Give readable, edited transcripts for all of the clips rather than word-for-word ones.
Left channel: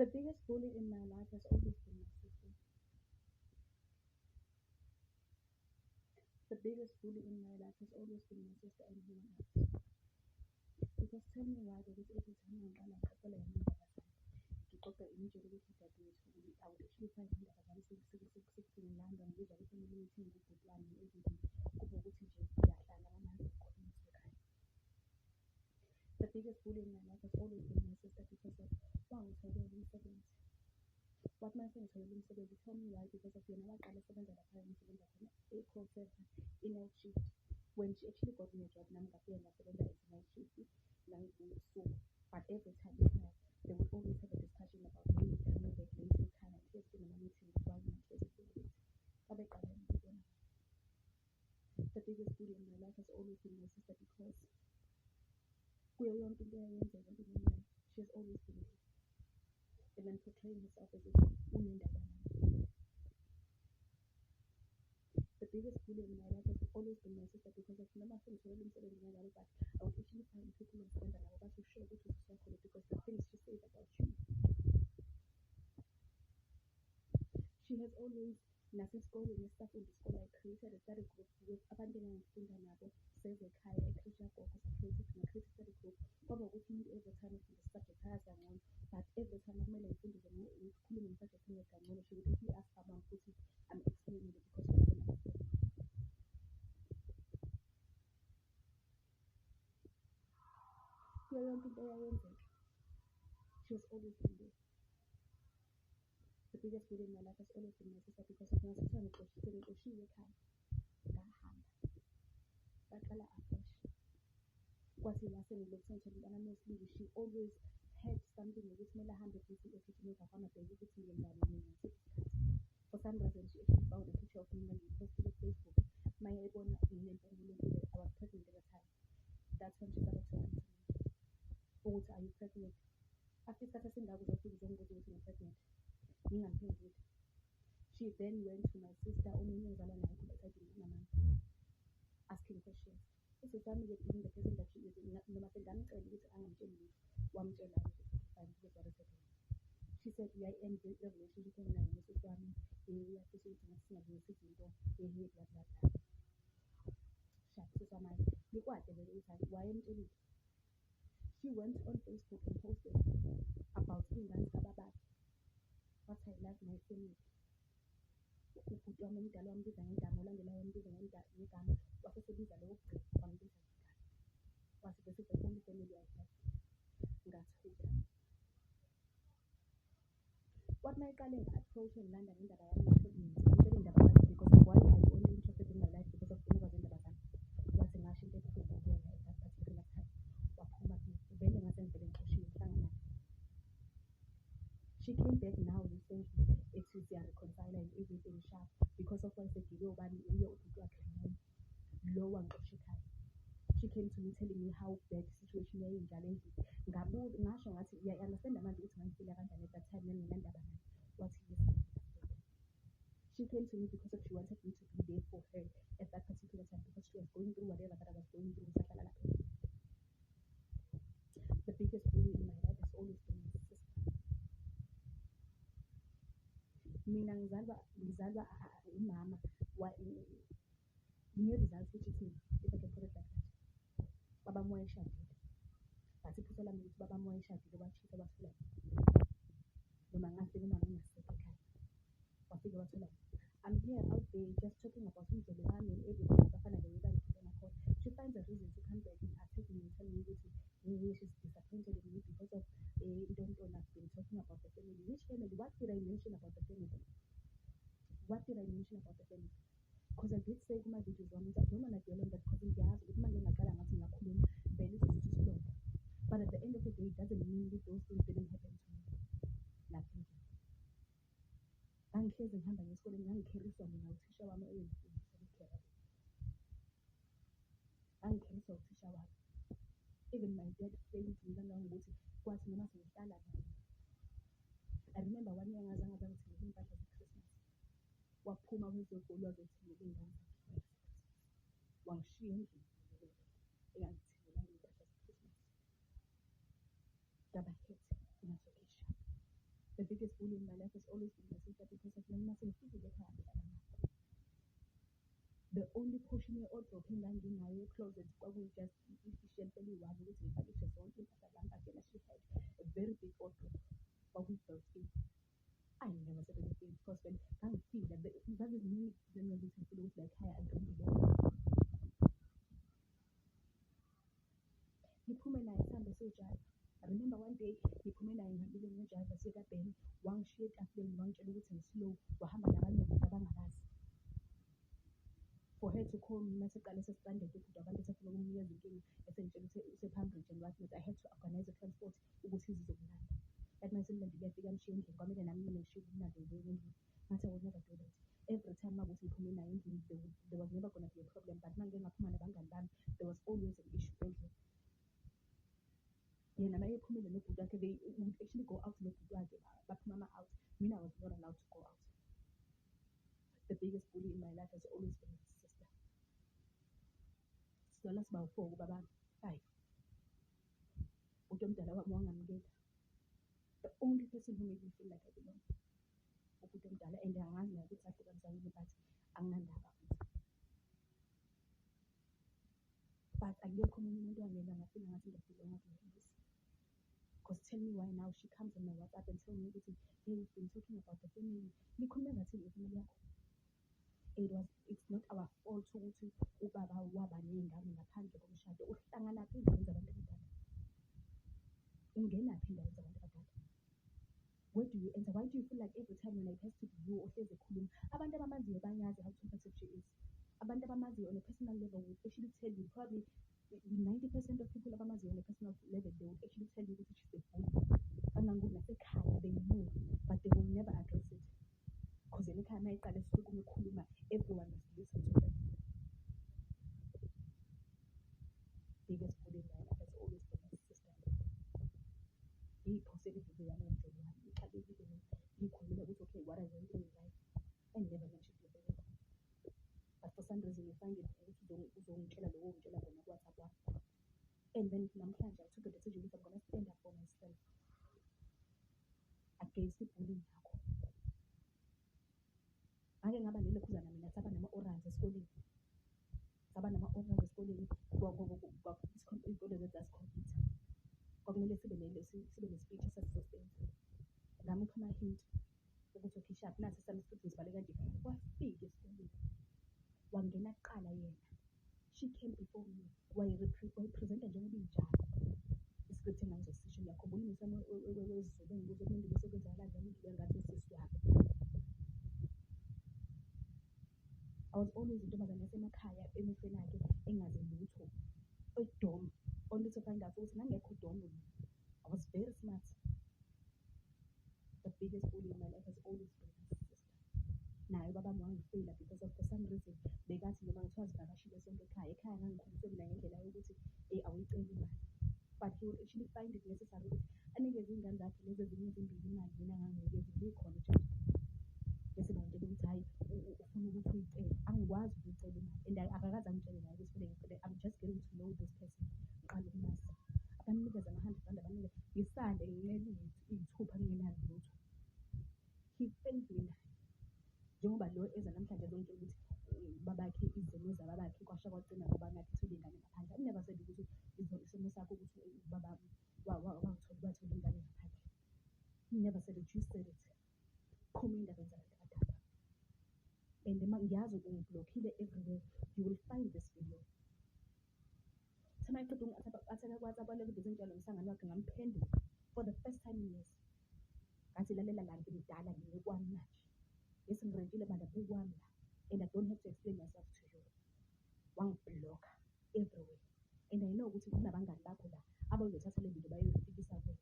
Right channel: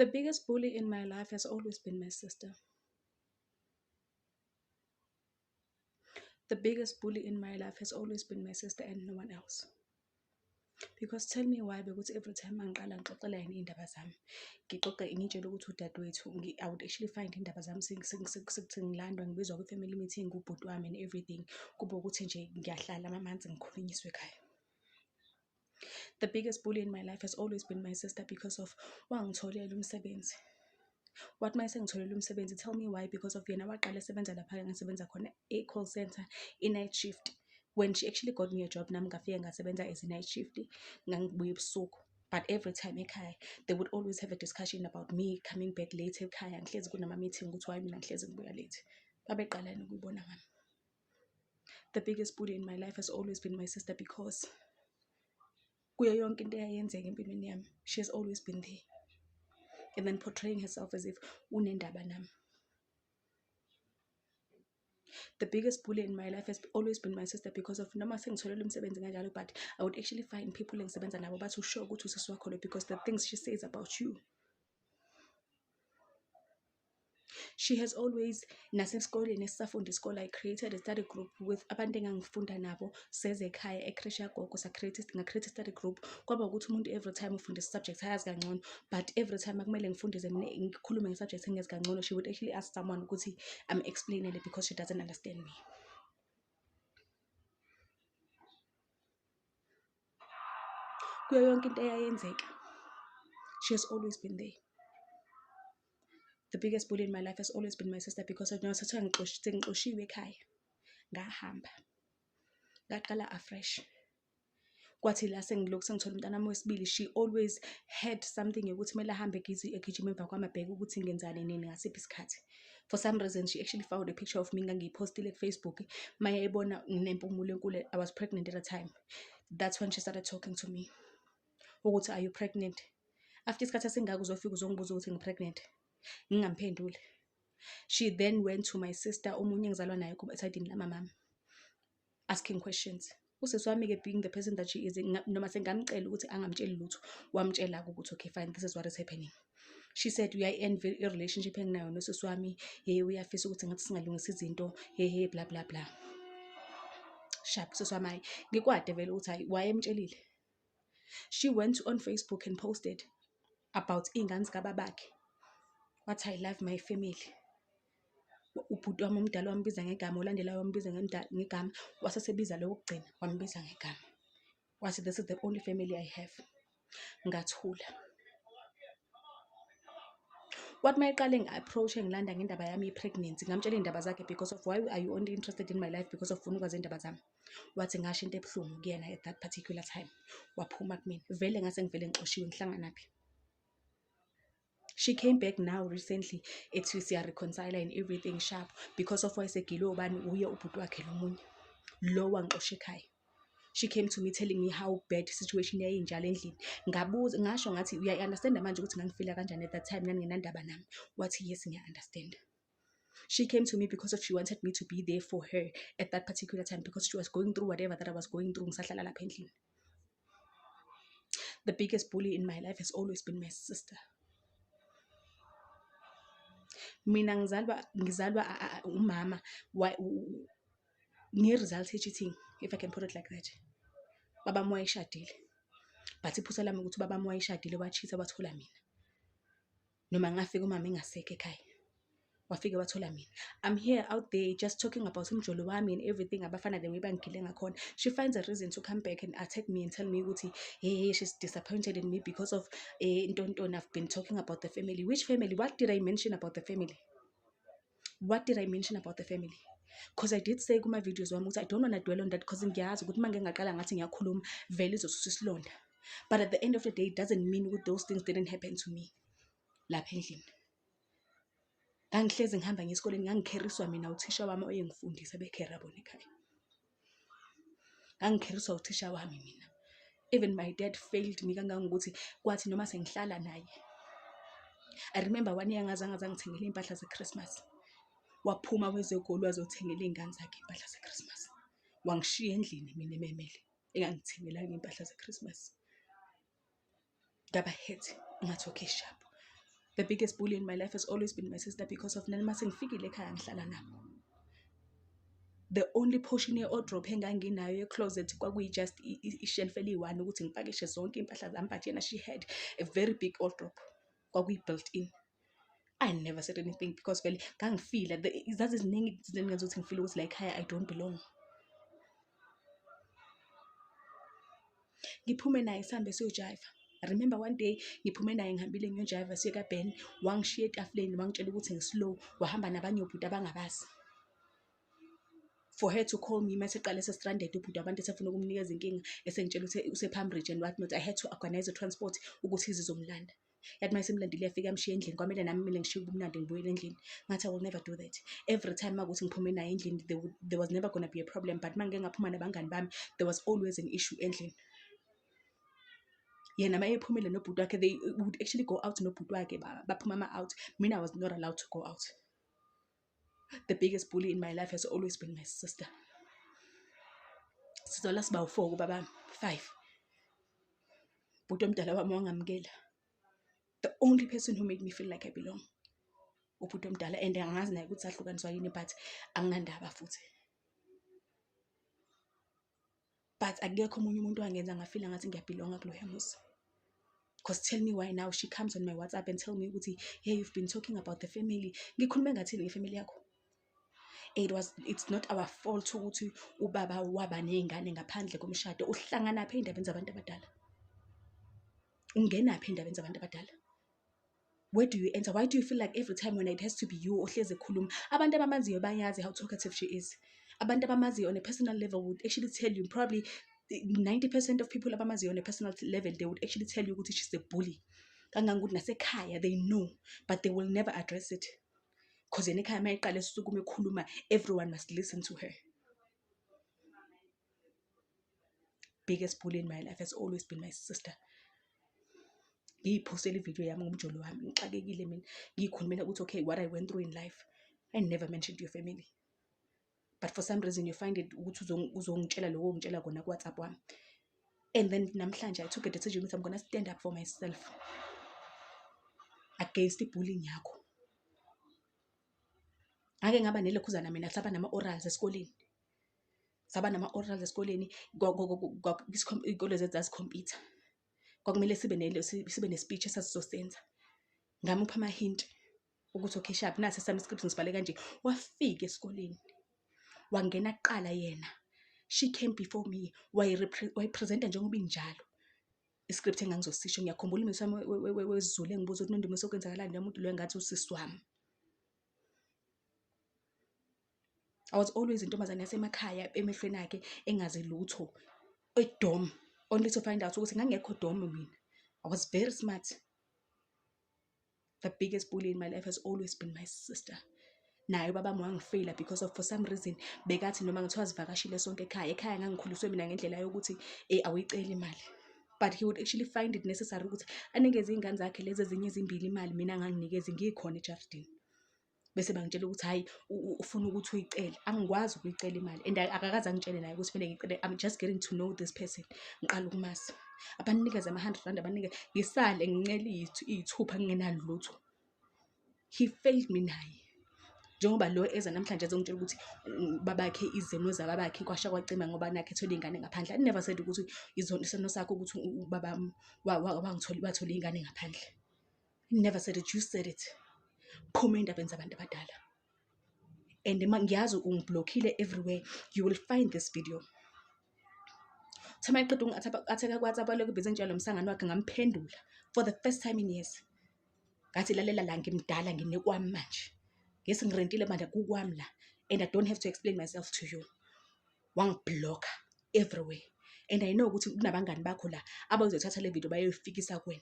The biggest bully in my life has always been my sister. The biggest bully in my life has always been my sister and no one else. Because tell me why, because every time angiqala ngixoxela yena iy'ndaba zami, ngixoxe ngitshele ukuthi udadewethu, I would actually find iy'ndaba zami sekuthi ngilandwa ngibizwa kwi-family meeting ubhuti wami and everything. Kube ukuthi nje ngiyahlala amamanzi ngikhulunyiswe ekhaya. The biggest bully in my life has always been my sister because of wangitholela umsebenzi. What my sengitholele umsebenzi, tell me why, because of yena waqala esebenza lapha ngisebenza khona e-call center, i-night shift. When she actually got me a job, nami ngafika ngasebenza as a night shift, ngangibuya ebusuku. But every time ekhaya, they would always have a discussion about me coming back late ekhaya. Ngihlezi kunama-meeting ukuthi why mina ngihlezi ngibuya late. Babeqalani ukuyibona ngami. The biggest bully in my life has always been my sister because kuyo yonke into eyayenzeka empilweni yami, she has always been there. And then portraying herself as if unendaba nami. The biggest bully in my life has always been my sister because of noma sengitholele umsebenzi kanjalo, but I would actually find people engisebenza nabo bathi usho ukuthi usisi wakho lo, because the things she says about you. She has always, nasesikoleni esisafunda isikole, I created a study group with abantu engangifunda nabo sezekhaya eCreche yagogo. Nga-create a study group. Kwaba ukuthi umuntu every time ufunda i-subject ayazi kangcono, but every time akumele ngifundise ngikhulume nge-subject engazi kangcono, she would actually ask someone ukuthi explainele because she doesn't understand me. Kuyo yonke into eyayenzeka, she has always been there. The biggest bully in my life has always been my sister because of sengixoshiwe ekhaya, ngahamba ngaqala afresh. Kwathi la sengilokhu sengithola umntana wami wesibili, she always had something yokuthi kumele ahambe egijima emva kwami abheke ukuthi ngenzani nini ngasiphi isikhathi. For some reason she actually found a picture of me ngangiyipostile ku-Facebook. Maya ibona nginempumulo enkulu, I was pregnant at the time. That's when she started talking to me ukuthi, are you pregnant? After isikhathi esingaka uzofika uzongibuza ukuthi ngi-pregnant, ngingamphenduli. She then went to my sister, omunye engizalwa naye esayidini lamamami, asking questions. Usisi wami-ke, being the person that she is, noma sengamcela ukuthi angamtsheli lutho, wamtshela ukuthi okay fine, this is what is happening. She said uyayi-envy i-relationship enginayo nosisi wami, uyafisa ukuthi ngathi singalungisa izinto, blah blah blah. Sharp usisi wami hayi ngikwade vele ukuthi hayi wayemtshelile. She went on Facebook and posted about iy'ngane zikababakhe. What I love my family. Ubhuti wami omdala wambiza ngegama, olandelayo wambiza ngegama, wasesebiza lo wokugcina wambiza ngegama. Wathi this is the only family I have. Ngathula. What my qale ngi-approach ngilanda ngendaba yami i-pregnancy, ngamtshela iy'ndaba zakhe because of why are you only interested in my life because of ufuna ukwazi iy'ndaba zami. Wathi ngasho into ebuhlungu kuyena at that particular time, waphuma kumina. Vele ngase ngivele ngixoshiwe, ngihlanganaphi. She came back now recently, ethi siya-reconcile and everything sharp because of wayesegile obani uye ubhuti wakhe lo munye lo wangixosha ekhaya. She came to me telling me how bad situation yayinjalo endlini. Ngabuza ngasho ngathi uya-understand manje ukuthi ngangifila kanjani at that time nginandaba nami. Wathi yes ngiya-understand. She came to me because of she wanted me to be there for her at that particular time because she was going through whatever that I was going through ngisahlala lapha endlini. The biggest bully in my life has always been my sister. Mina ngizalwa umama nge-result cheating, if I can put it like that. Baba moya ishadile, but iphutha lami ukuthi baba moya ishadile wachitha wathola mina. Noma ngafika umama engasekho ekhaya, wafika wathola mina. I'm here out there just talking about umjolo wami and everything, abafana the way bangigile ngakhona. She finds a reason to come back and attack me and tell me ukuthi she's disappointed in me because of ntonto I've been talking about the family. Which family? What did I mention about the family? What did I mention about the family? Because I did say kuma videos wami ukuthi I don't want to dwell on that because ngiyazi ukuthi manje ngaqala ngathi ngiyakhuluma vele izosusa isilonda. But at the end of the day it doesn't mean that those things didn't happen to me lapha endlini. Ngangihlezi ngihamba ngesikoleni, ngangikheriswa mina uthisha wami oyengifundisa bekhera bona ekhaya. Ngangikheriswa uthisha wami mina. Even my dad failed me kangangokuthi kwathi noma sengihlala naye. I remember one year ngazange ngithengele impahla zeChristmas. Waphuma wezegoli wazothengela iy'ngane zakhe impahla zeChristmas. Wangishiya endlini mina ememele engangithengelanga impahla zeChristmas. Ngaba hurt ngathi okay sharp. The biggest bully in my life has always been my sister because of nami sengifikile ekhaya ngihlala nabo. The only portion ye-wardrobe enganginayo ye-closet kwakuyi-just ishelf eliyi-1 ukuthi ngipakishe zonke iy'mpahla zami, but yena she had a very big wardrobe kwakuyi-built in. I never said anything because vele ngangifila zaziziningi izinto engenza ukuthi ngifile ukuthi la ekhaya I don't belong. Ngiphume naye sihambe siyojiva. I remember one day ngiphume naye ngihambile ngiyojiva siye kaBen, wangishiya etafuleni wangitshela ukuthi ngislow, wahamba nabanye obhuti abangabazi. For her to call me mase qale se-stranded ubhuti abantu esefuna ukumnikeza inkinga esengitshela ukuthi use-Pambridge and what not, I had to organize a transport ukuthi izizomlanda. Yathi mase imlandile yafika yamshiya endlini kwamele nami kumele ngishiye ubumnandi ngibuyele endlini. Ngathi I will never do that. Every time makuthi ngiphume naye endlini there was never going to be a problem, but mangeke ngaphuma nabangani bami there was always an issue endlini. Yena maye ephumile nobhuti wakhe, they would actually go out nobhuti wakhe baphuma ama-out. Mina I was not allowed to go out. The biggest bully in my life has always been my sister. Sizola siba 4 kubaba 5. Bhuti omdala wami wangamukela. The only person who made me feel like I belong. Ubhuti omdala, and angazi naye ukuthi sahlukaniswa yini, but anginandaba futhi. But akekho omunye umuntu wangenza ngafila ngathi ngiyabelonga kuloya muzi. Because tell me why now she comes on my WhatsApp and tell me ukuthi, hey, you've been talking about the family. Ngikhuluma ngathini ngefamily yakho? It's not our fault ukuthi ubaba waba nezingane ngaphandle komshado. Uhlangana phe indabeni zabantu abadala? Ungena phe indabeni zabantu abadala? Where do you enter? Why do you feel like every time when it has to be you ohleze khuluma? Abantu abamaziyo bayazi how talkative she is. Abantu abamaziyo on a personal level would actually tell you, probably 90% of people abamaziyo on a personal level, they would actually tell you ukuthi she's a bully. Kangangokuthi nasekhaya they know, but they will never address it. Because yena ekhaya mayiqala esukuma ekhuluma, everyone must listen to her. Biggest bully in my life has always been my sister. Ngiyiphostele ivideo yami ngomjolo wami, ngixakekile mina, ngiyikhulumela ukuthi okay, what I went through in life. I never mentioned your family. But for some reason you find it ukuthi uzongitshela lokho ngitshela kona ku WhatsApp wami. And then namhlanje I took a decision that I'm going to stand up for myself against the bullying yakho. Ake ngaba nelekhuzana mina saba nama-orals esikoleni. Saba nama-orals esikoleni ikole zethu zasikhompyutha. Kwakumele sibe ne-speech esasizosenza. Ngamupha ama-hint ukuthi okay sharp nasi sami script ngisibhale kanje. Wafika esikoleni. Wangena kuqala yena. She came before me. Wayipresenta njengoba injalo. Iscript engangizosisho ngiyakhumbula imizwa wesiZulu engibuza ukuthi nondumo sokwenzakalani nomuntu lo engathi usisi wami. I was always intombazane yasemakhaya emehlweni akhe engazi lutho. Edom, only to find out ukuthi ngangekho dom mina. I was very smart. The biggest bully in my life has always been my sister. Naye baba wangifela because of for some reason bekathi noma ngithiwa sivakashile sonke ekhaya ngangikhuliswe mina ngendlela yokuthi awuyicela imali. But he would actually find it necessary ukuthi anikeze izingane zakhe lezi ezinye ezimbili imali mina nganginikeze ngikhona ejardini. Bese bangitshela ukuthi hayi ufuna ukuthi uyicele. Angikwazi ukuyicela imali and akakaze angitshele naye ukuthi fanele ngicele. I'm just getting to know this person. Ngiqala ukumazi. Abanikeza ama-R100 abanike ngisale ngincela iy'thupha ngingenalo lutho. He failed me naye. Njengoba lo eza namhlanje ezongitshela ukuthi babakhe izeno zababakhe kwasha kwacima ngoba nakhe ethola ingane ngaphandle. I never said ukuthi izono sakho ukuthi ubaba wathola ingane ngaphandle. I never said it, you said it. Phuma endabeni zabantu abadala. And ngiyazi ungiblockile everywhere. You will find this video. Thama iqedwe ngatheka kwaTsapa lokho bese njalo umsangano wakhe ngamphendula for the first time in years. Ngathi lalela la ngimdala nginekwami manje. Yes, ngirentile manje kukwami la and I don't have to explain myself to you. Wangiblock everywhere. And I know ukuthi kunabangani bakho la abazothatha le video bayoyifikisa kuwena.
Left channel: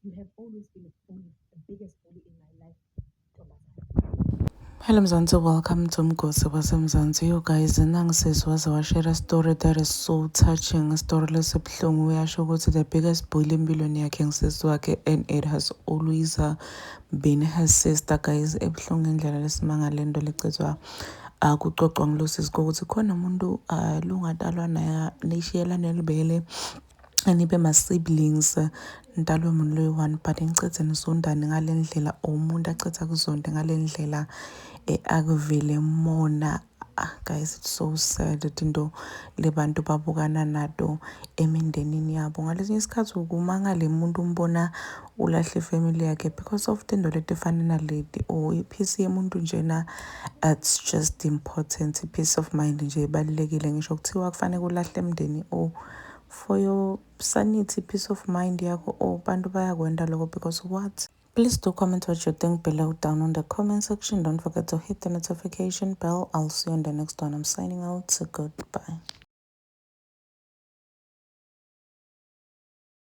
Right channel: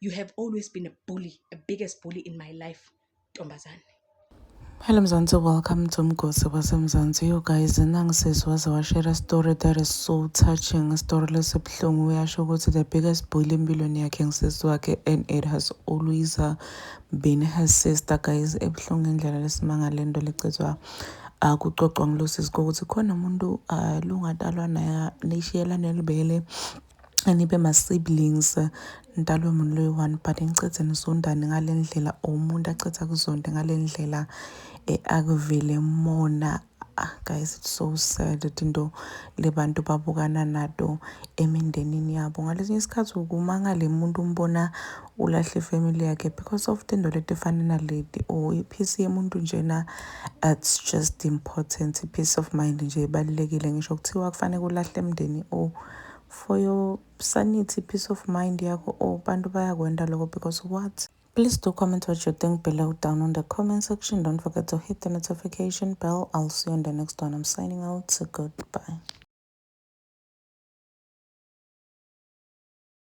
You have always been a bully, a biggest bully in my life, Ntombazane. Hello Mzansi, welcome to Mgosi waseMzansi. You guys, Nangsis was our share a story that is so touching. A story lesibhlungu uyasho ukuthi the biggest bully empilweni yakhe ngisisi wakhe, and it has always been her sister. Guys, ebuhlungu indlela lesimangale into lecethwa kuxoxwa ngilosisi ukuthi khona umuntu lungatalwa naye nishiyela nelibele anibe ma-siblings nitalwe umuntu loyi-one but nicithe nisondane ngale ndlela, or umuntu acitha kuzonde ngale ndlela akuvele mona. Guys, it's so sad ukuthi into le bantu babukana nato emindenini yabo. Ngalesinye isikhathi ukumangale muntu umbona ulahle ifamily yakhe because of into leti efana naleti, or ipeace yemuntu njena. It's just important, peace of mind nje ibalulekile. Ngisho kuthiwa kufanele kulahle emndeni, or for your sanity, peace of mind yakho, or bantu bayakwenda lokho because what? Please do comment what you think below down on the comment section. Don't forget to hit the notification bell. I'll see you on the next one. I'm signing out. So goodbye.